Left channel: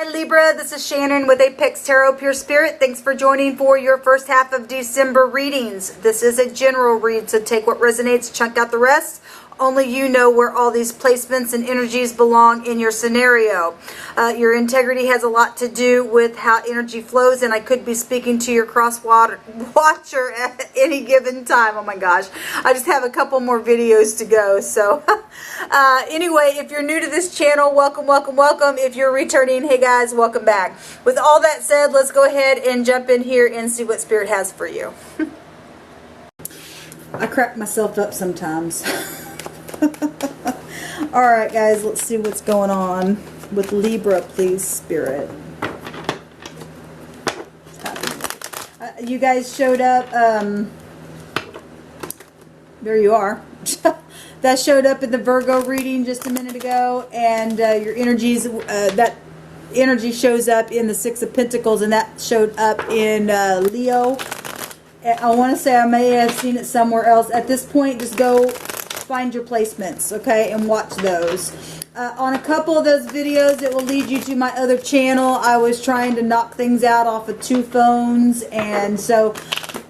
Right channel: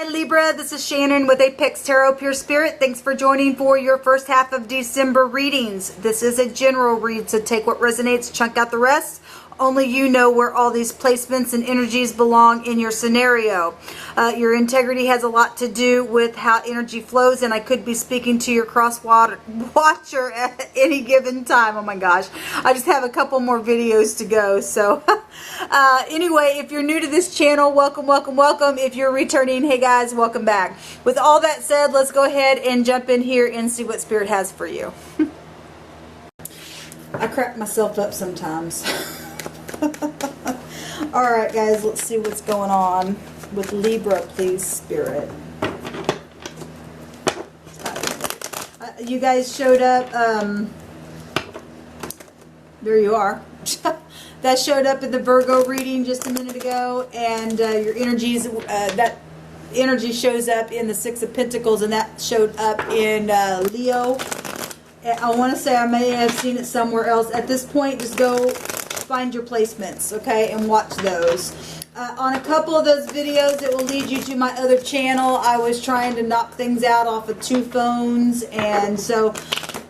Hi Libra, this is Shannon with Apex Tarot Pure Spirit. Thanks for joining for your first half of December readings. This is a general read, so take what resonates, chunk out the rest. Only you know where all these placements and energies belong in your scenario. Your integrity has a lot to do with how energy flows, and I could be speaking to your cross watcher at any given time. Oh my gosh, I just have a couple more videos to go. So anyway, if you're new to this channel, welcome, welcome, welcome. If you're returning, hey guys, welcome back. With all that said, let's go ahead and jump in here and see what Spirit has for you. I crack myself up sometimes. Alright guys, let's see what's going on with Libra, please, Spirit. You guys showed up, there you are. That showed up in the Virgo reading just a minute ago, and your energies, that energy shows up in the Six of Pentacles, and that showed up in Leo. I want to say I may have seen it somewhere else. At this point, just go find your placements, okay, and watch those. On a couple of those videos, it will lead you to my other channel. I was trying to knock things out off of 2 phones, and so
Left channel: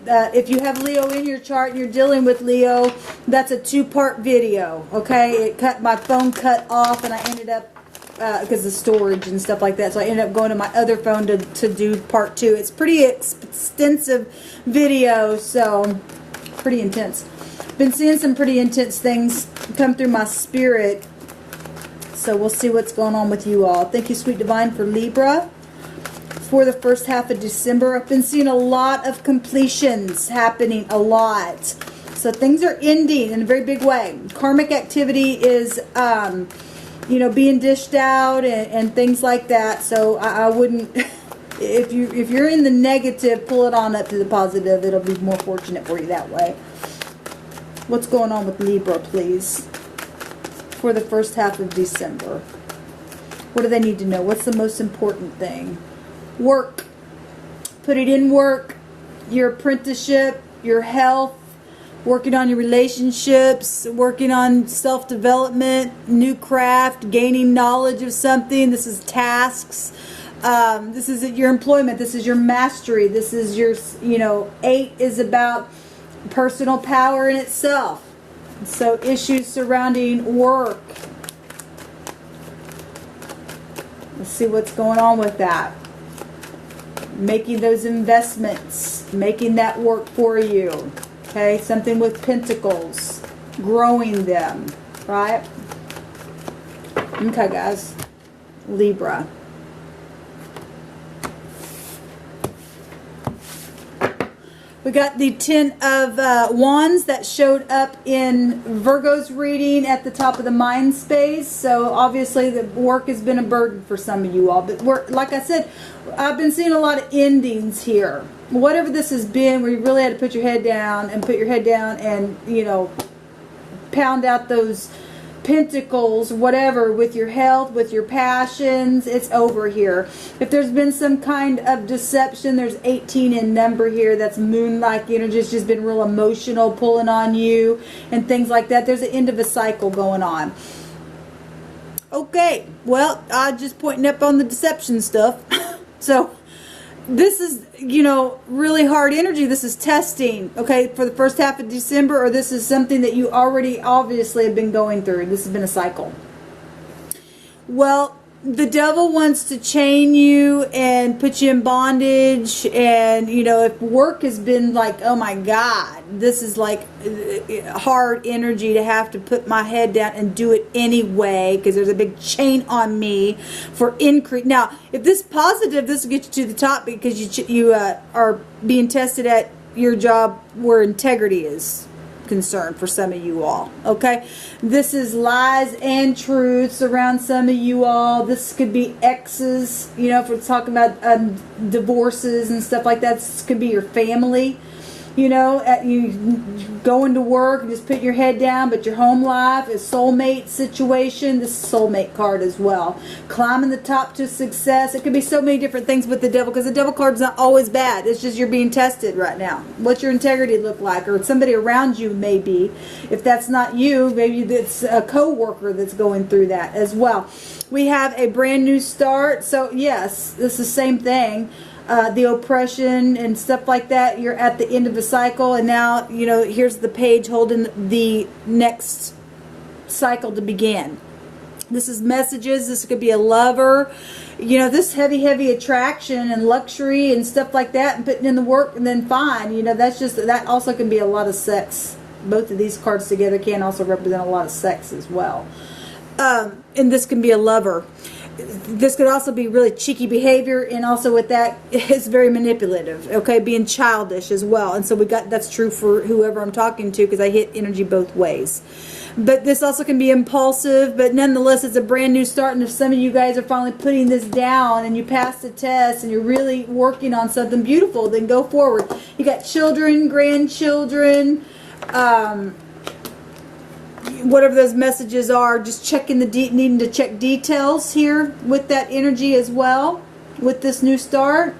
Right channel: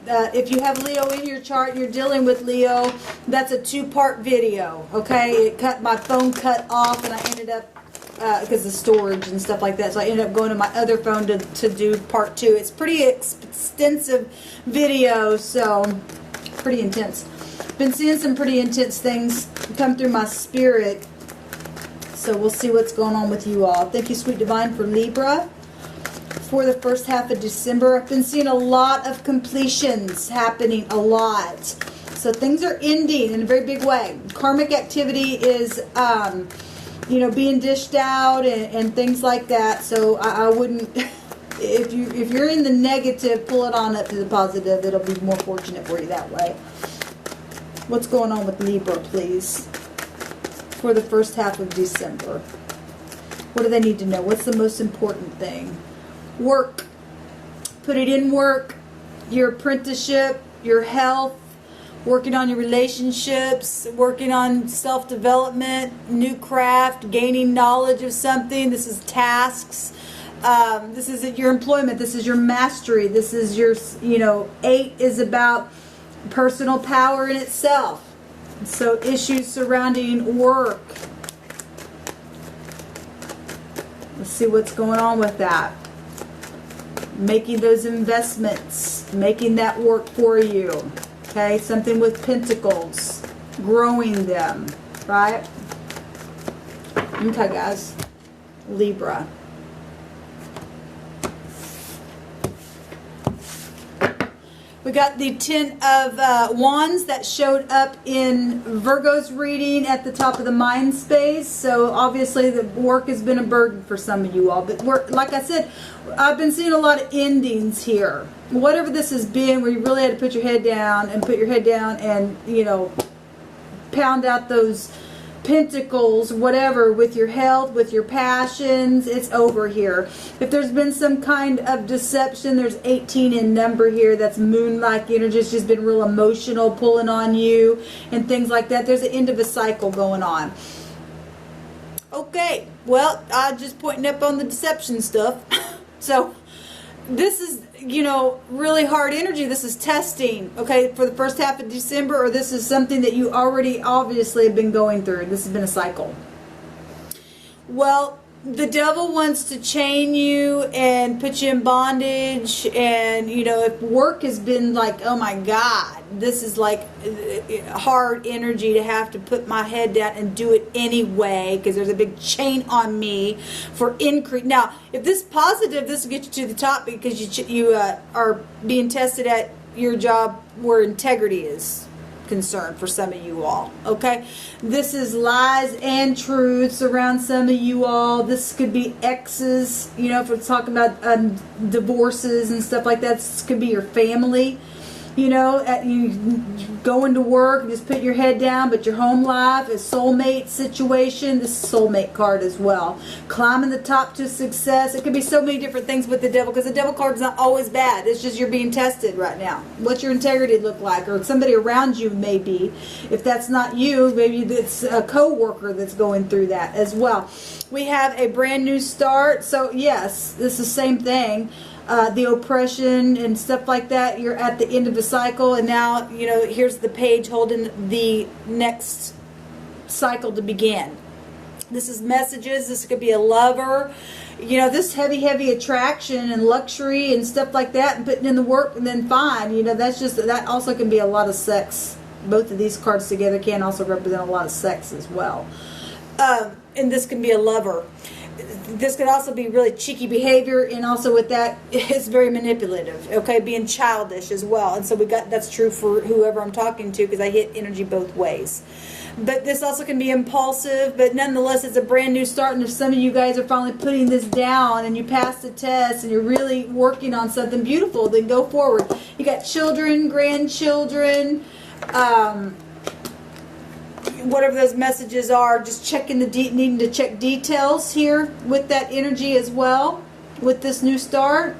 if you have Leo in your chart and you're dealing with Leo, that's a 2-part video, okay? My phone cut off, and I ended up, because of storage and stuff like that, so I ended up going to my other phone to do part 2. It's pretty extensive video, so pretty intense. Been seeing some pretty intense things come through my spirit, so we'll see what's going on with you all. Thank you, Sweet Divine, for Libra for the first half of December. I've been seeing a lot of completions happening, a lot. So things are ending in a very big way. Karmic activity is, you know, being dished out and things like that. So I wouldn't, if you're in the negative, pull it on up to the positive. It'll be more fortunate for you that way. What's going on with Libra, please, for the first half of December? What do they need to know? What's the most important thing? Work. Put it in work. Your apprenticeship, your health, working on your relationships, working on self-development, new craft, gaining knowledge of something. This is tasks. This is your employment. This is your mastery. This is your, you know, 8 is about personal power in itself. So issues surrounding work. Let's see what's going on with that. Making those investments, making that work for you. Okay, something with pentacles, growing them, right? Okay, guys. Libra. We got the 10 of Wands that showed up in Virgo's reading at the top of the mind space. So obviously the work has been a burden for some of you all. But like I said, I've been seeing a lot of endings here. Whatever this has been, where you really had to put your head down and, you know, pound out those pentacles, whatever, with your health, with your passions, it's over here. If there's been some kind of deception, there's 18 in number here. That's moon-like energy. It's just been real emotional, pulling on you and things like that. There's an end of a cycle going on. Okay, well, I'm just pointing up on the deception stuff. So this is, you know, really hard energy. This is testing, okay, for the first half of December, or this is something that you already obviously have been going through. This has been a cycle. Well, the devil wants to chain you and put you in bondage, and, you know, if work has been like, oh my God, this is like hard energy to have to put my head down and do it anyway, because there's a big chain on me for increase. Now, if this is positive, this will get you to the top, because you are being tested at your job where integrity is concern for some of you all. Okay, this is lies and truths around some of you all. This could be exes, you know, if we're talking about divorces and stuff like that. This could be your family. You know, you going to work and just put your head down, but your home life is soulmate situation. This is soulmate card as well. Climbing the top to success. It could be so many different things with the devil, because the devil card's not always bad. It's just you're being tested right now. What's your integrity look like? Or somebody around you maybe. If that's not you, maybe it's a co-worker that's going through that as well. We have a brand new start. So yes, this is the same thing. The oppression and stuff like that, you're at the end of a cycle, and now, you know, here's the page holding the next cycle to begin. This is messages. This could be a lover. You know, this heavy attraction and luxury and stuff like that, and putting in the work, and then fine. You know, that also can be a lot of sex. Both of these cards together can also represent a lot of sex as well. And this can be a lover. This could also be really cheeky behavior, and also with that, it's very manipulative, okay, being childish as well. And so that's true for whoever I'm talking to, because I hit energy both ways. But this also can be impulsive, but nonetheless, it's a brand new start. And if some of you guys are finally putting this down and you passed the test and you're really working on something beautiful, then go forward. You got children, grandchildren, whatever those messages are, just checking needing to check details here with that energy as well, with this new start.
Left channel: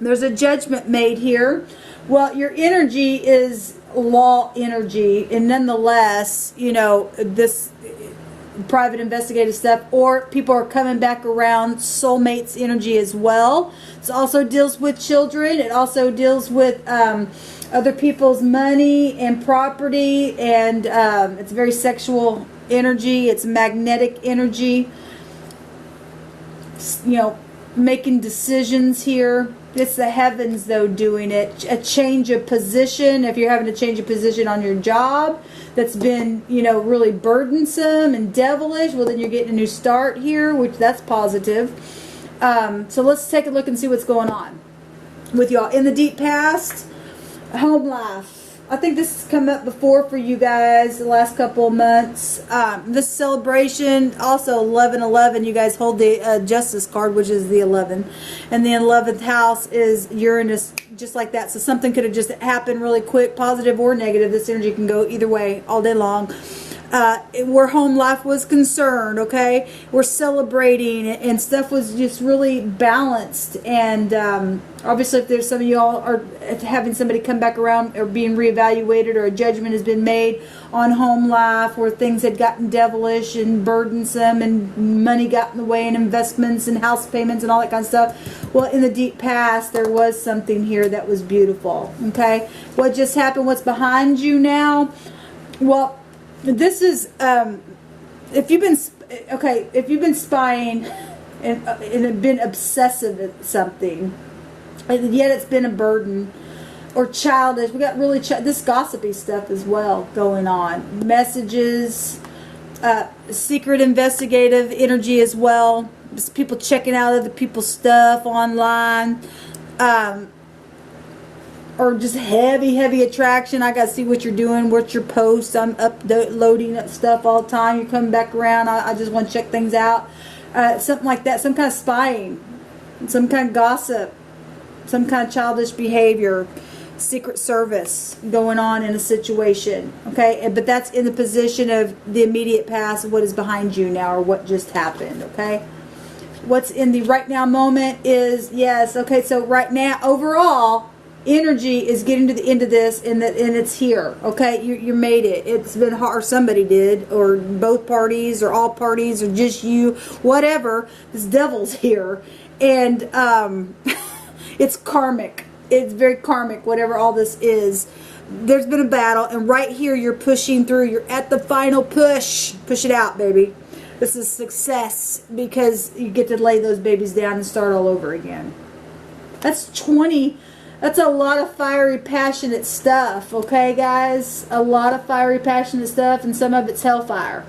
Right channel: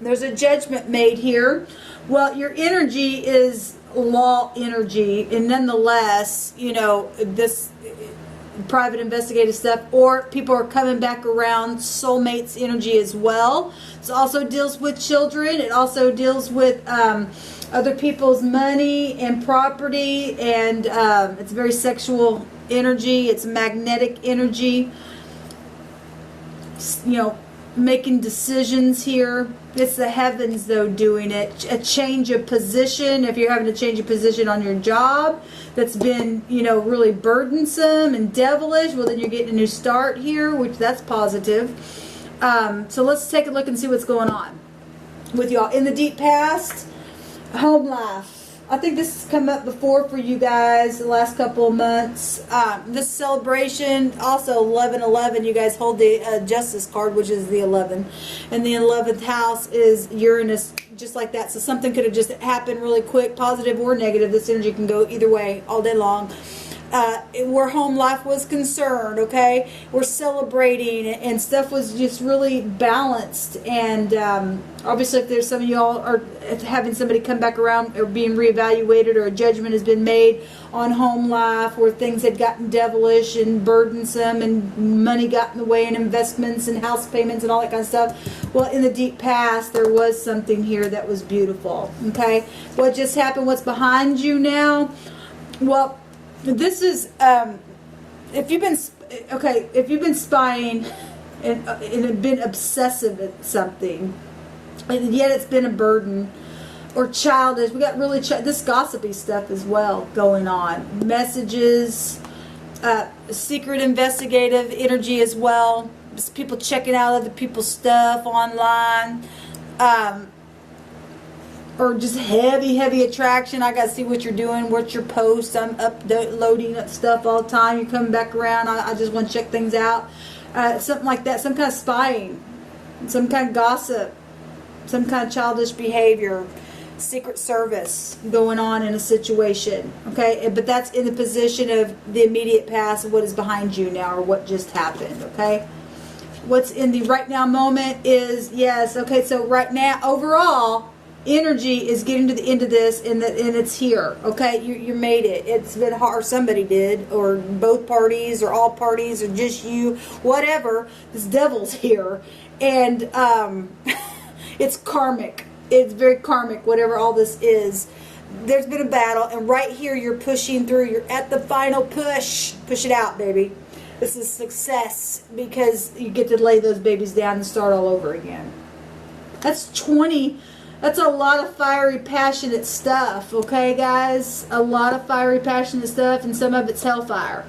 There's a judgment made here. Well, your energy is law energy, and nonetheless, you know, this private investigative stuff, or people are coming back around, soulmates energy as well. It also deals with children. It also deals with other people's money and property, and it's very sexual energy. It's magnetic energy. You know, making decisions here. It's the heavens, though, doing it. A change of position. If you're having to change a position on your job that's been, you know, really burdensome and devilish, well, then you're getting a new start here, which that's positive. So let's take a look and see what's going on with y'all. In the deep past, home life. I think this has come up before for you guys the last couple of months. This celebration, also 11/11, you guys hold the Justice card, which is the 11. And the 11th house is Uranus, just like that. So something could have just happened really quick, positive or negative. This energy can go either way all day long. Where home life was concerned, okay? We're celebrating, and stuff was just really balanced. And obviously, if there's some of y'all are having somebody come back around or being reevaluated, or a judgment has been made on home life where things had gotten devilish and burdensome and money got in the way, and investments and house payments and all that kind of stuff. Well, in the deep past, there was something here that was beautiful, okay? What just happened? What's behind you now? Well, this is if you've been spying and been obsessive at something, and yet it's been a burden, or childish. We got really this gossipy stuff as well going on. Messages, secret investigative energy as well. Just people checking out other people's stuff online. Or just heavy attraction. I gotta see what you're doing, what's your post. I'm uploading stuff all the time. You're coming back around. I just want to check things out. Something like that. Some kind of spying, some kind of gossip, some kind of childish behavior, secret service going on in a situation. Okay, but that's in the position of the immediate past of what is behind you now, or what just happened. Okay. What's in the right now moment is, yes, okay, so right now, overall, energy is getting to the end of this, and it's here, okay? You made it. It's been hard. Somebody did, or both parties, or all parties, or just you, whatever. This devil's here, and it's karmic. It's very karmic, whatever all this is. There's been a battle, and right here you're pushing through. You're at the final push. Push it out, baby. This is success, because you get to lay those babies down and start all over again. That's 20. That's a lot of fiery, passionate stuff, okay, guys? A lot of fiery, passionate stuff, and some of it's hellfire.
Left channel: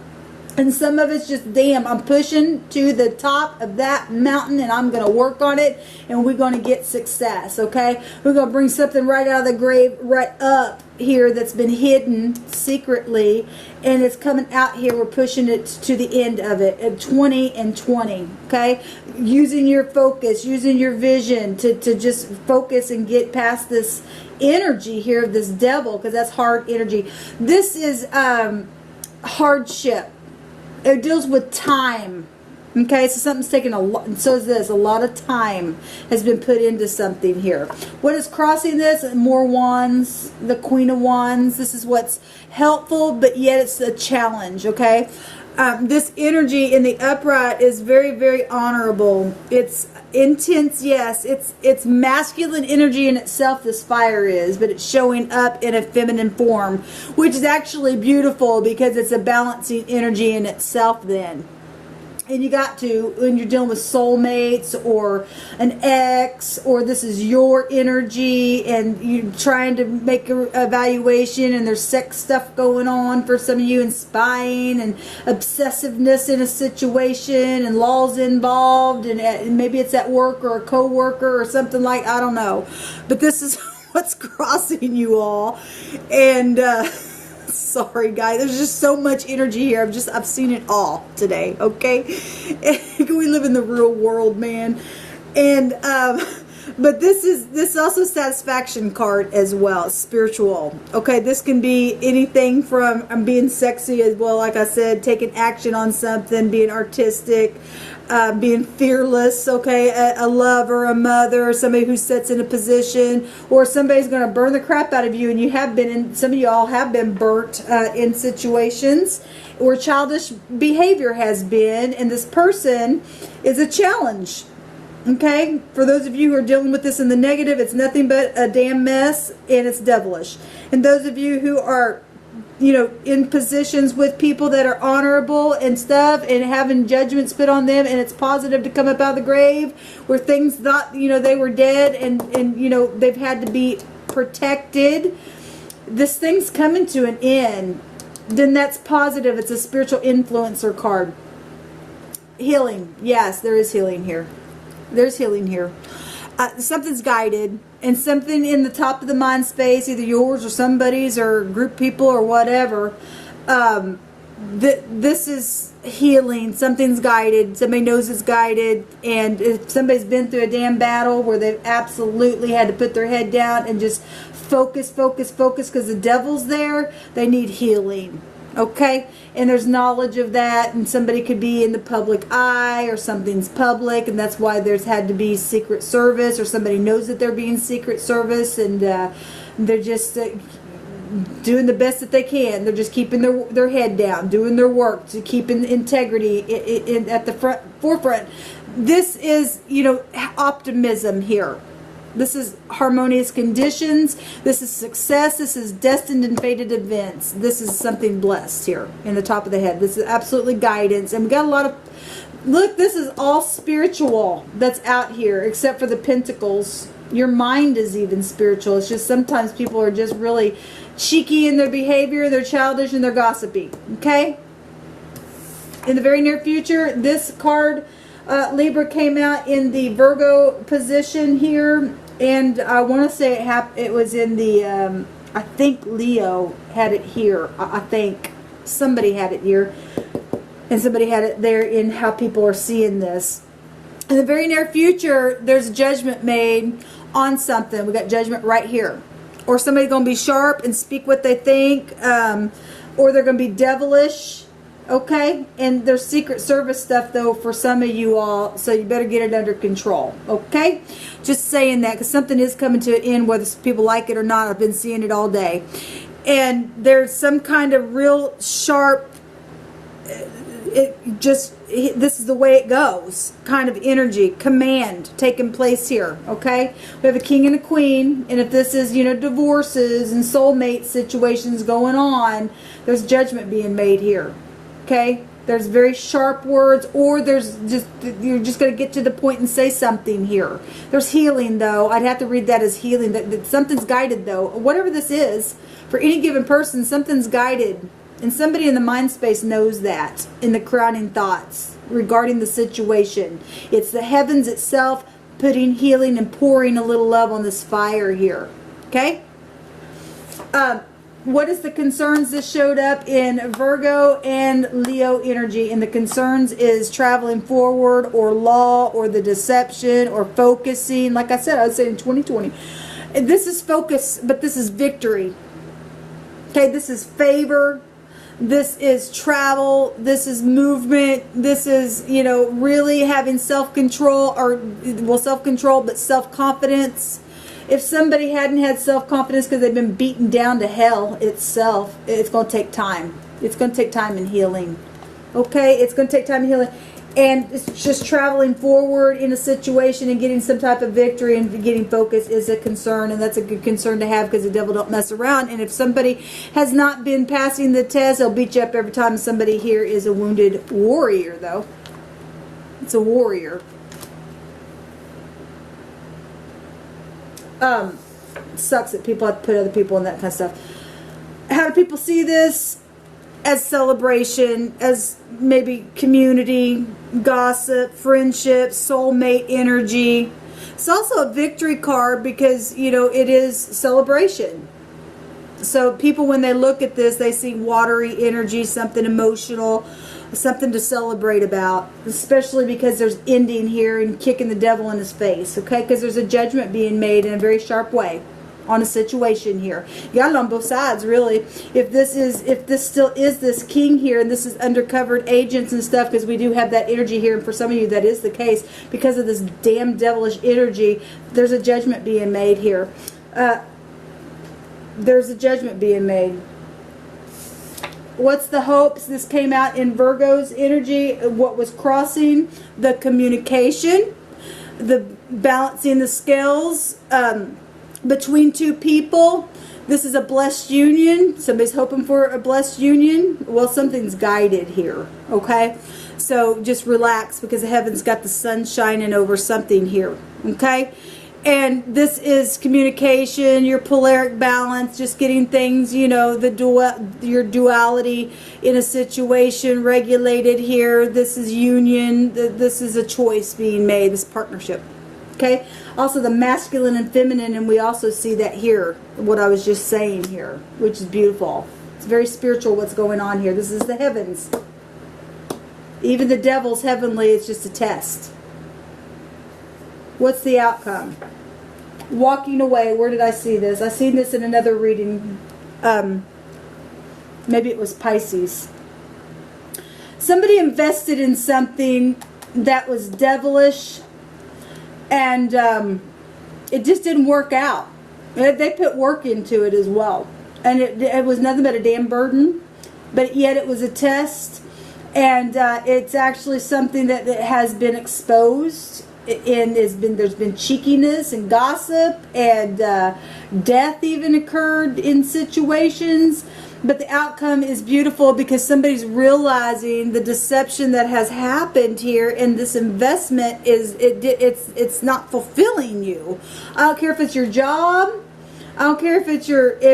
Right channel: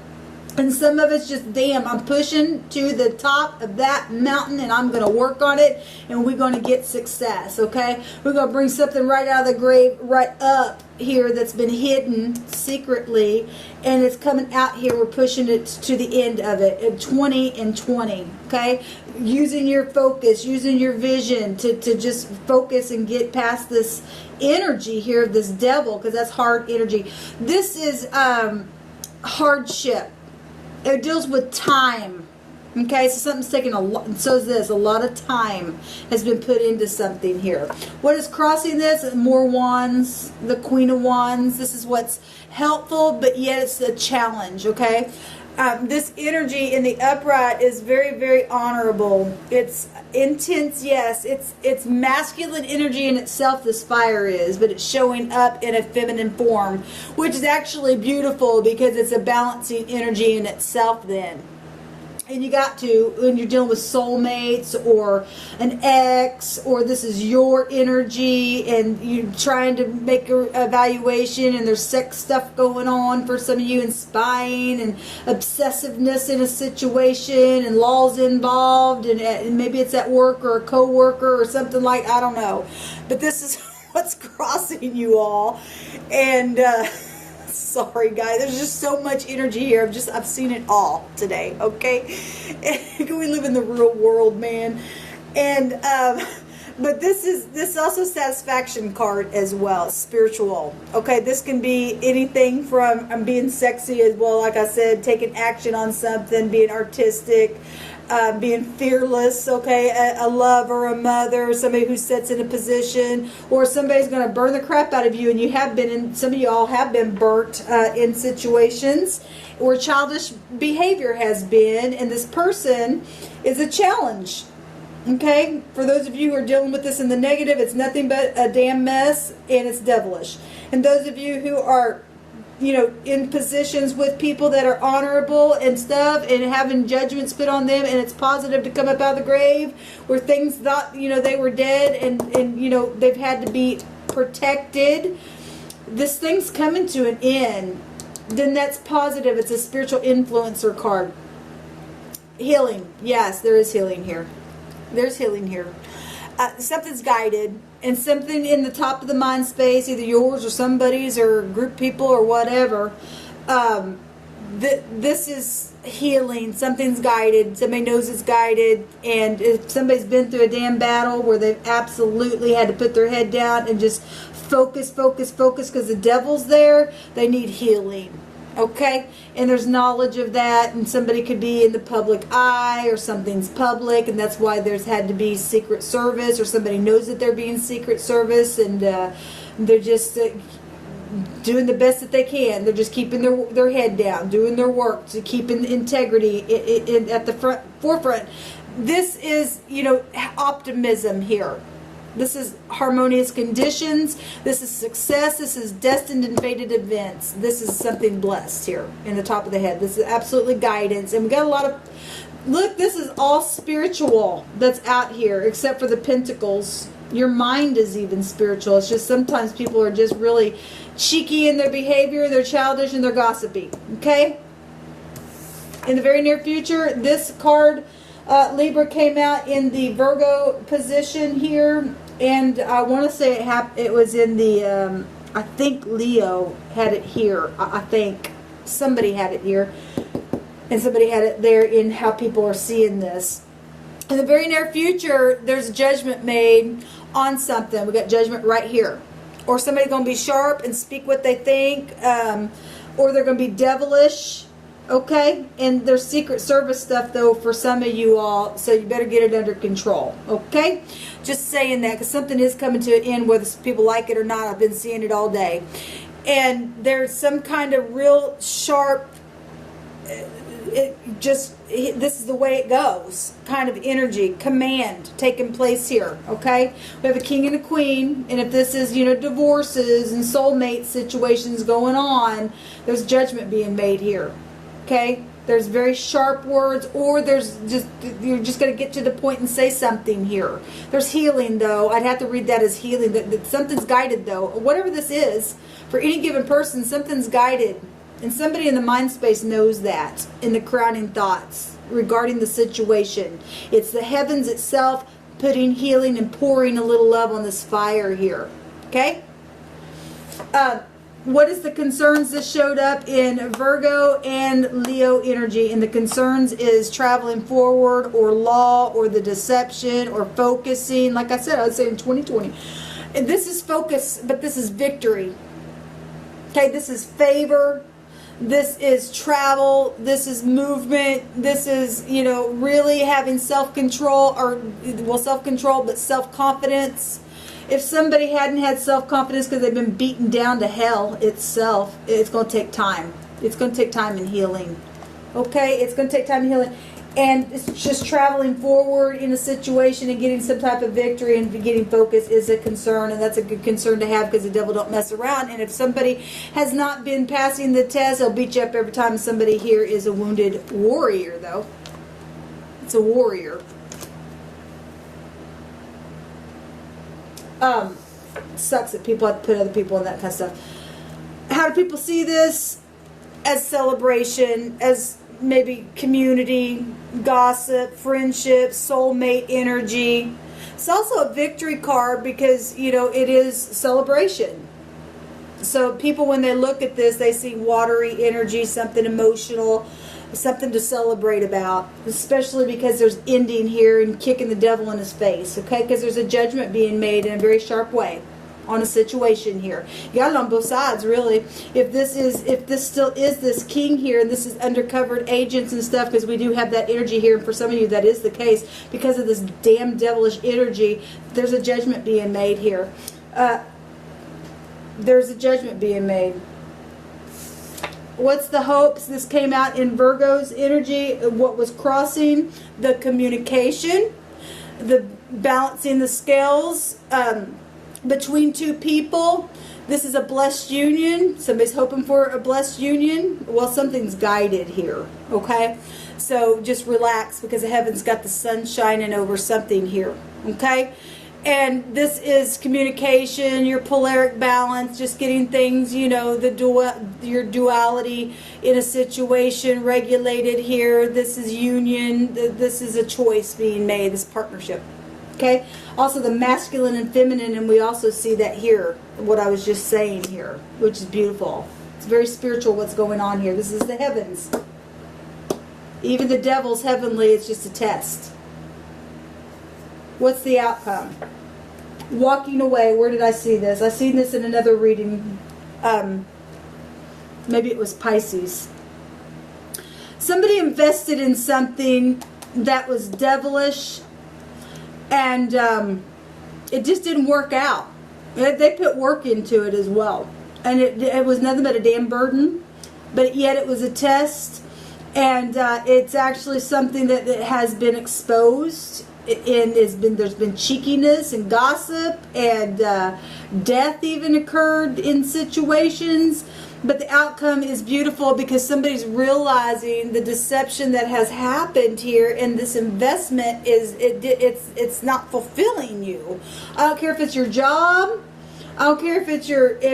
And some of it's just, damn, I'm pushing to the top of that mountain and I'm going to work on it and we're going to get success, okay? We're going to bring something right out of the grave, right up here that's been hidden secretly, and it's coming out here. We're pushing it to the end of it at 20 and 20, okay? Using your focus, using your vision to just focus and get past this energy here, this devil, because that's hard energy. This is hardship. It deals with time. Okay, so something's taking a lot, and so is this. A lot of time has been put into something here. What is crossing this? More wands, the Queen of Wands. This is what's helpful, but yet it's a challenge, okay? This energy in the upright is very, very honorable. It's intense, yes. It's masculine energy in itself, this fire is, but it's showing up in a feminine form, which is actually beautiful because it's a balancing energy in itself then. And you got to, when you're dealing with soulmates or an ex, or this is your energy and you're trying to make an evaluation and there's sex stuff going on for some of you, and spying and obsessiveness in a situation and laws involved, and maybe it's at work or a co-worker or something like, I don't know. But this is what's crossing you all. And, sorry guys, there's just so much energy here. I've seen it all today, okay? We live in the real world, man. And but this also satisfaction card as well, spiritual. Okay, this can be anything from being sexy as well, like I said, taking action on something, being artistic, being fearless, okay, a lover, a mother, somebody who sits in a position, or somebody's going to burn the crap out of you, and you have been in, some of you all have been burnt in situations where childish behavior has been, and this person is a challenge, okay? For those of you who are dealing with this in the negative, it's nothing but a damn mess, and it's devilish. And those of you who are, you know, in positions with people that are honorable and stuff, and having judgments put on them, and it's positive to come up out of the grave where things thought, you know, they were dead, and you know, they've had to be protected. This thing's coming to an end. Then that's positive. It's a spiritual influencer card. Healing. Yes, there is healing here. There's healing here. Something's guided, and something in the top of the mind space, either yours or somebody's or group people or whatever, this is healing. Something's guided. Somebody knows it's guided, and if somebody's been through a damn battle where they've absolutely had to put their head down and just focus because the devil's there, they need healing. Okay, and there's knowledge of that, and somebody could be in the public eye, or something's public, and that's why there's had to be Secret Service, or somebody knows that they're being Secret Service, and they're just doing the best that they can. They're just keeping their head down, doing their work, to keeping integrity at the forefront. This is, you know, optimism here. This is harmonious conditions. This is success. This is destined and fated events. This is something blessed here in the top of the head. This is absolutely guidance. And we got a lot of, look, this is all spiritual that's out here, except for the pentacles. Your mind is even spiritual. It's just sometimes people are just really cheeky in their behavior, they're childish, and they're gossipy. Okay? In the very near future, this card, Libra, came out in the Virgo position here, and I want to say it was in the, I think Leo had it here. I think somebody had it here, and somebody had it there in how people are seeing this. In the very near future, there's judgment made on something. We got judgment right here. Or somebody's going to be sharp and speak what they think, or they're going to be devilish. Okay, and there's Secret Service stuff though for some of you all, so you better get it under control. Okay, just saying that because something is coming to an end, whether people like it or not. I've been seeing it all day, and there's some kind of real sharp, this is the way it goes kind of energy, command taking place here. Okay, we have a king and a queen, and if this is, you know, divorces and soulmate situations going on, there's judgment being made here. Okay, there's very sharp words, or there's just, you're just going to get to the point and say something here. There's healing though. I'd have to read that as healing. That something's guided though. Whatever this is, for any given person, something's guided. And somebody in the mind space knows that in the crowning thoughts regarding the situation. It's the heavens itself putting healing and pouring a little love on this fire here. Okay? What is the concerns that showed up in Virgo and Leo energy? And the concerns is traveling forward, or law, or the deception, or focusing. Like I said, I would say in 2020. This is focus, but this is victory. Okay, this is favor. This is travel. This is movement. This is, you know, really having self-control, or, well, self-control, but self-confidence. If somebody hadn't had self-confidence because they've been beaten down to hell itself, it's going to take time. It's going to take time in healing. Okay? It's going to take time in healing. And it's just traveling forward in a situation and getting some type of victory and getting focus is a concern. And that's a good concern to have, because the devil don't mess around. And if somebody has not been passing the test, they'll beat you up every time. Somebody here is a wounded warrior, though. It's a warrior. Sucks that people have to put other people in that kind of stuff. How do people see this? As celebration, as maybe community, gossip, friendship, soulmate energy. It's also a victory card because, you know, it is celebration. So people, when they look at this, they see watery energy, something emotional, something to celebrate about, especially because there's ending here and kicking the devil in his face, okay? Because there's a judgment being made in a very sharp way on a situation here. You got it on both sides, really. If this still is this king here, and this is undercovered agents and stuff, because we do have that energy here, and for some of you that is the case, because of this damn devilish energy, there's a judgment being made here. There's a judgment being made. What's the hopes? This came out in Virgo's energy. What was crossing? The communication, the balancing the scales between two people. This is a blessed union. Somebody's hoping for a blessed union. Well, something's guided here, okay? So just relax, because the heavens got the sun shining over something here, okay? And this is communication, your polaric balance, just getting things, you know, your duality in a situation regulated here. This is union. This is a choice being made, this partnership. Okay? Also the masculine and feminine, and we also see that here, what I was just saying here, which is beautiful. It's very spiritual what's going on here. This is the heavens. Even the devil's heavenly, it's just a test. What's the outcome? Walking away. Where did I see this? I seen this in another reading. Maybe it was Pisces. Somebody invested in something that was devilish, and it just didn't work out. They put work into it as well, and it was nothing but a damn burden, but yet it was a test. And it's actually something that has been exposed, and there's been cheekiness and gossip, and death even occurred in situations. But the outcome is beautiful, because somebody's realizing the deception that has happened here, and this investment it's not fulfilling you. I don't care if it's your job. I don't care if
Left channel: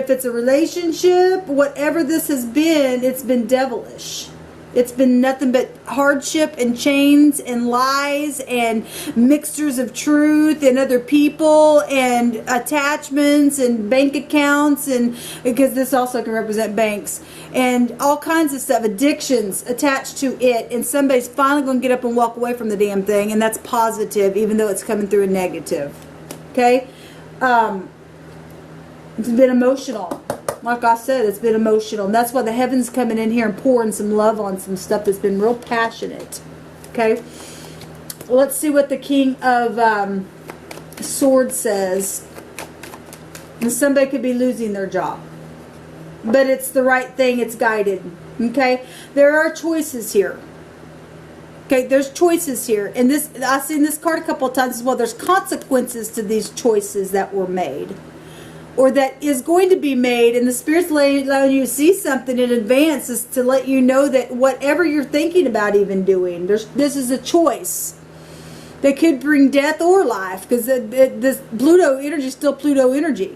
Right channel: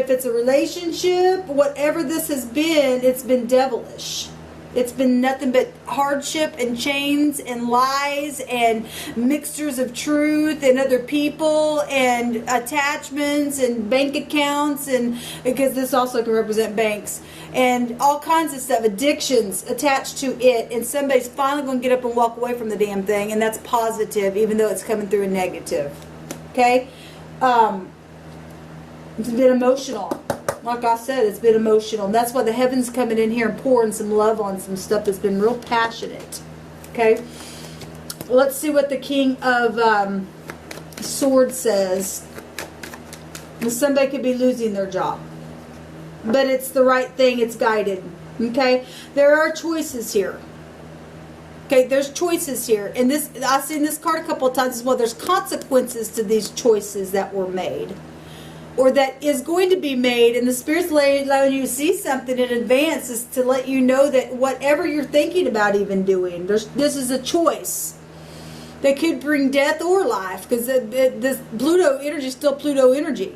it's a relationship. Whatever this has been, it's been devilish. It's been nothing but hardship and chains and lies and mixtures of truth and other people and attachments and bank accounts, and because this also can represent banks and all kinds of stuff, addictions attached to it, and somebody's finally going to get up and walk away from the damn thing, and that's positive, even though it's coming through a negative. Okay? It's been emotional. Like I said, it's been emotional. And that's why the heavens coming in here and pouring some love on some stuff that's been real passionate. Okay? Well, let's see what the King of Swords says. And somebody could be losing their job. But it's the right thing. It's guided. Okay? There are choices here. Okay? There's choices here. And this, I've seen this card a couple of times as well. There's consequences to these choices that were made, or that is going to be made, and the Spirit's allowing you to see something in advance is to let you know that whatever you're thinking about even doing, this is a choice that could bring death or life, because this Pluto energy is still Pluto energy.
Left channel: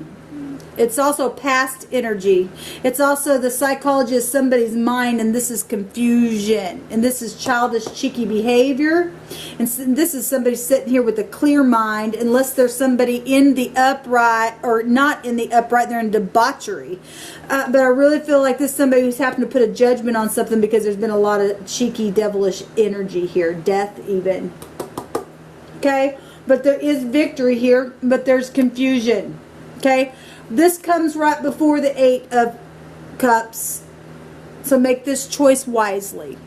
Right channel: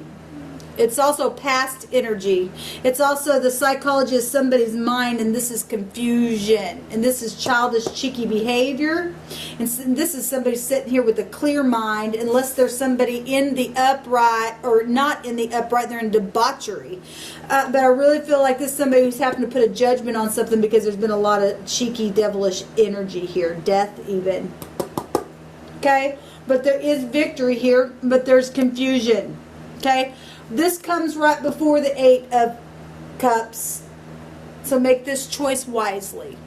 It's also past energy. It's also the psychology of somebody's mind, and this is confusion. And this is childish, cheeky behavior. And this is somebody sitting here with a clear mind, unless there's somebody in the upright, or not in the upright, they're in debauchery. But I really feel like this is somebody who's happened to put a judgment on something, because there's been a lot of cheeky, devilish energy here. Death even. Okay? But there is victory here, but there's confusion. Okay? This comes right before the 8 of Cups. So make this choice wisely.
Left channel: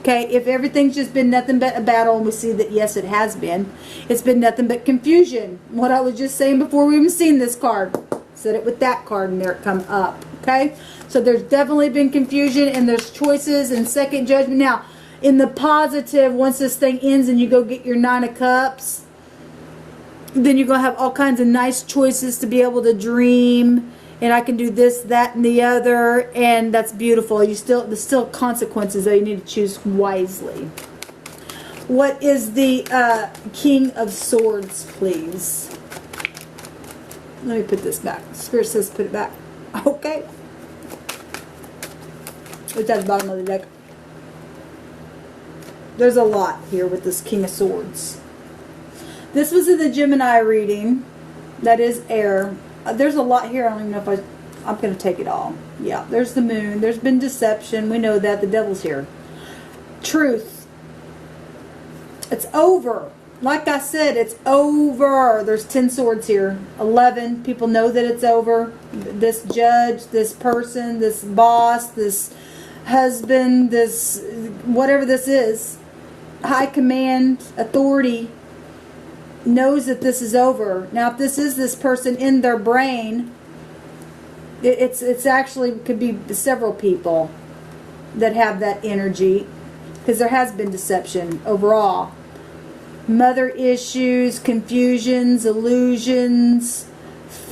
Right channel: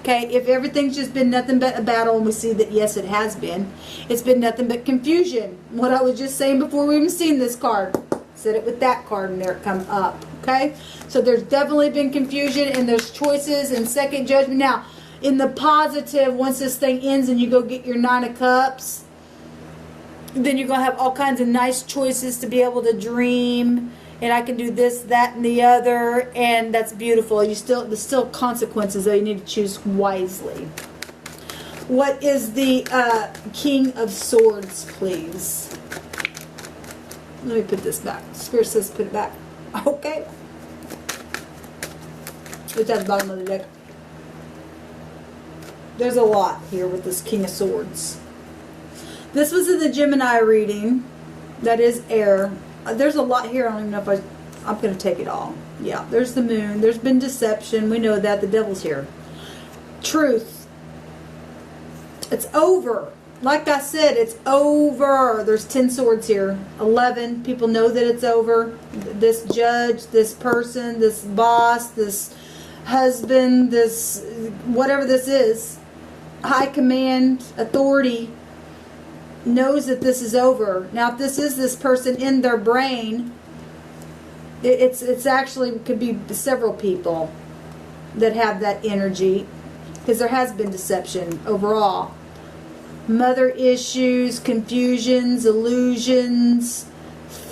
Okay? If everything's just been nothing but a battle, and we see that, yes, it has been. It's been nothing but confusion. What I was just saying before we even seen this card. Said it with that card, and there it come up. Okay? So there's definitely been confusion, and there's choices and second judgment. Now, in the positive, once this thing ends and you go get your 9 of Cups, then you're going to have all kinds of nice choices to be able to dream. And I can do this, that, and the other. And that's beautiful. There's still consequences, though. You need to choose wisely. What is the King of Swords, please? Let me put this back. Spirit says put it back. Okay. It's at the bottom of the deck. There's a lot here with this King of Swords. This was in the Gemini reading. That is air. There's a lot here. I don't even know if I'm going to take it all. Yeah, there's the moon. There's been deception. We know that. The devil's here. Truth. It's over. Like I said, it's over. There's 10 swords here. 11. People know that it's over. This judge, this person, this boss, this husband, this whatever this is, high command, authority, knows that this is over. Now, if this is this person in their brain, it's actually could be several people that have that energy, because there has been deception overall. Mother issues, confusions, illusions,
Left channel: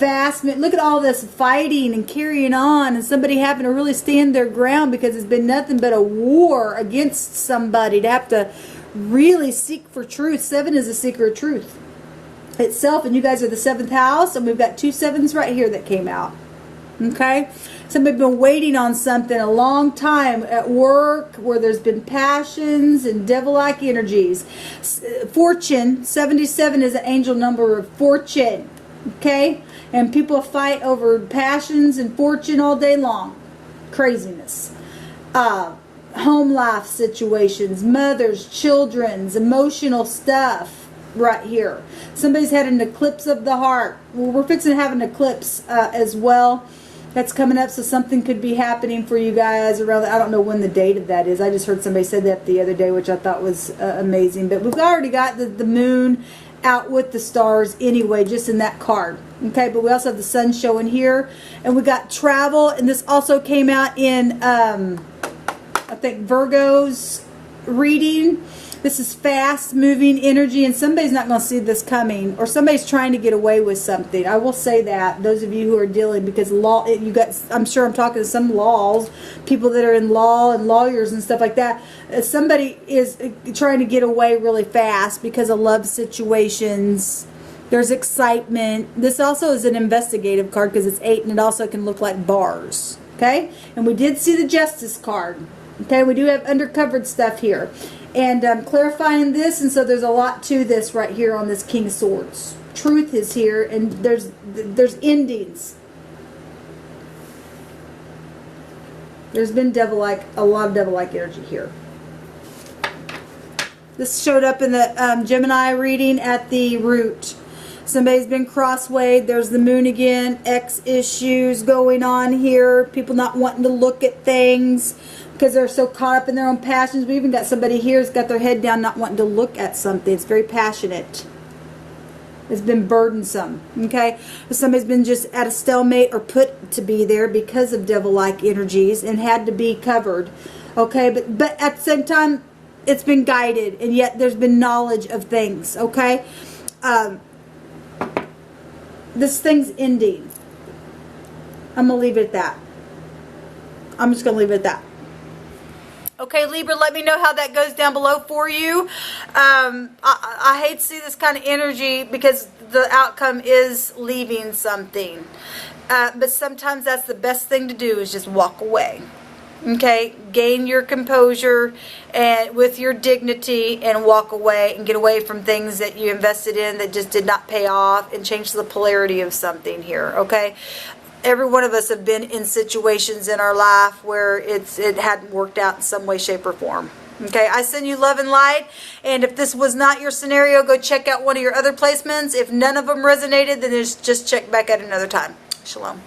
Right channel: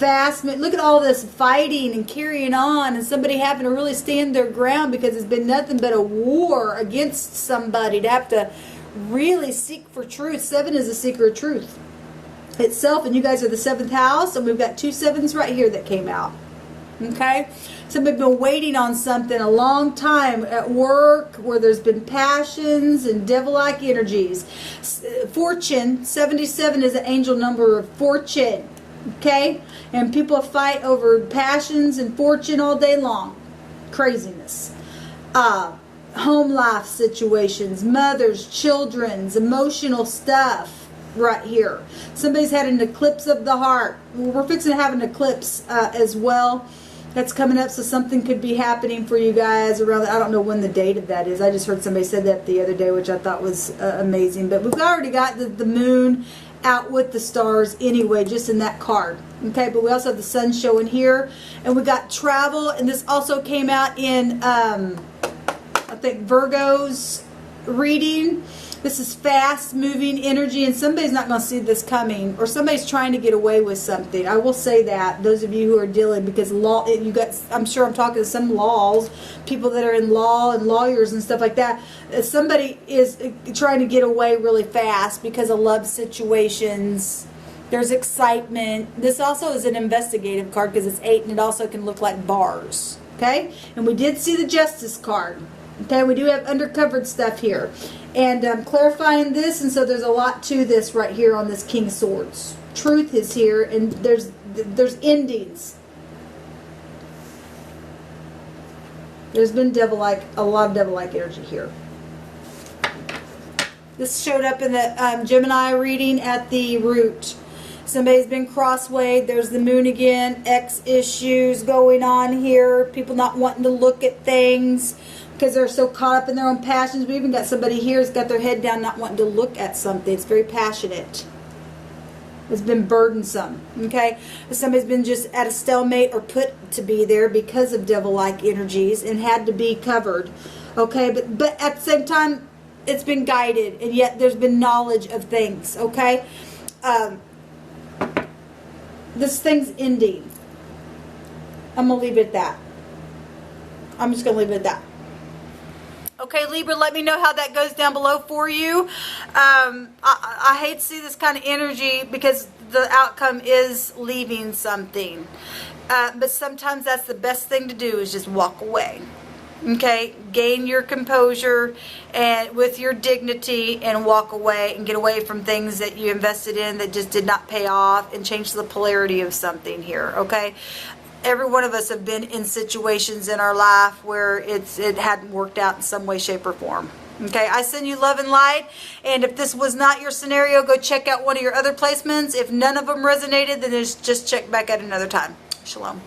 look at all this fighting and carrying on, and somebody having to really stand their ground, because it's been nothing but a war against somebody to have to really seek for truth. 7 is a seeker of truth itself, and you guys are the 7th house, and we've got 2 7s right here that came out. Okay? Somebody's been waiting on something a long time at work, where there's been passions and devil-like energies. Fortune, 77 is an angel number of fortune. Okay? And people fight over passions and fortune all day long. Craziness. Home life situations, mothers, children's, emotional stuff right here. Somebody's had an eclipse of the heart. Well, we're fixing to have an eclipse as well. That's coming up, so something could be happening for you guys around. I don't know when the date of that is. I just heard somebody said that the other day, which I thought was amazing. But we've already got the moon out with the stars anyway, just in that card. Okay, but we also have the sun showing here. And we got travel, and this also came out in, I think, Virgo's reading. This is fast-moving energy, and somebody's not going to see this coming, or somebody's trying to get away with something. I will say that, those of you who are dealing, because law, you got, I'm sure I'm talking to some laws, people that are in law and lawyers and stuff like that. Somebody is trying to get away really fast because of love situations. There's excitement. This also is an investigative card because it's 8, and it also can look like bars. Okay? And we did see the Justice card. Okay, we do have undercovered stuff here. And I'm clarifying this, and so there's a lot to this right here on this King of Swords. Truth is here, and there's endings. There's been a lot of devil-like energy here. This showed up in the Gemini reading at the root. Somebody's been crosswayed. There's the moon again. X issues going on here. People not wanting to look at things because they're so caught up in their own passions. We even got somebody here who's got their head down, not wanting to look at something. It's very passionate. It's been burdensome. Okay? Somebody's been just at a stalemate or put to be there because of devil-like energies and had to be covered. Okay? But at the same time, it's been guided, and yet there's been knowledge of things. Okay? This thing's ending. I'm going to leave it at that. I'm just going to leave it at that. Okay, Libra, let me know how that goes down below for you. I hate to see this kind of energy because the outcome is leaving something. But sometimes that's the best thing to do, is just walk away. Okay, gain your composure and with your dignity, and walk away and get away from things that you invested in that just did not pay off, and change the polarity of something here. Okay, every one of us have been in situations in our life where it hadn't worked out in some way, shape, or form. Okay, I send you love and light, and if this was not your scenario, go check out one of your other placements. If none of them resonated, then just check back at another time. Shalom.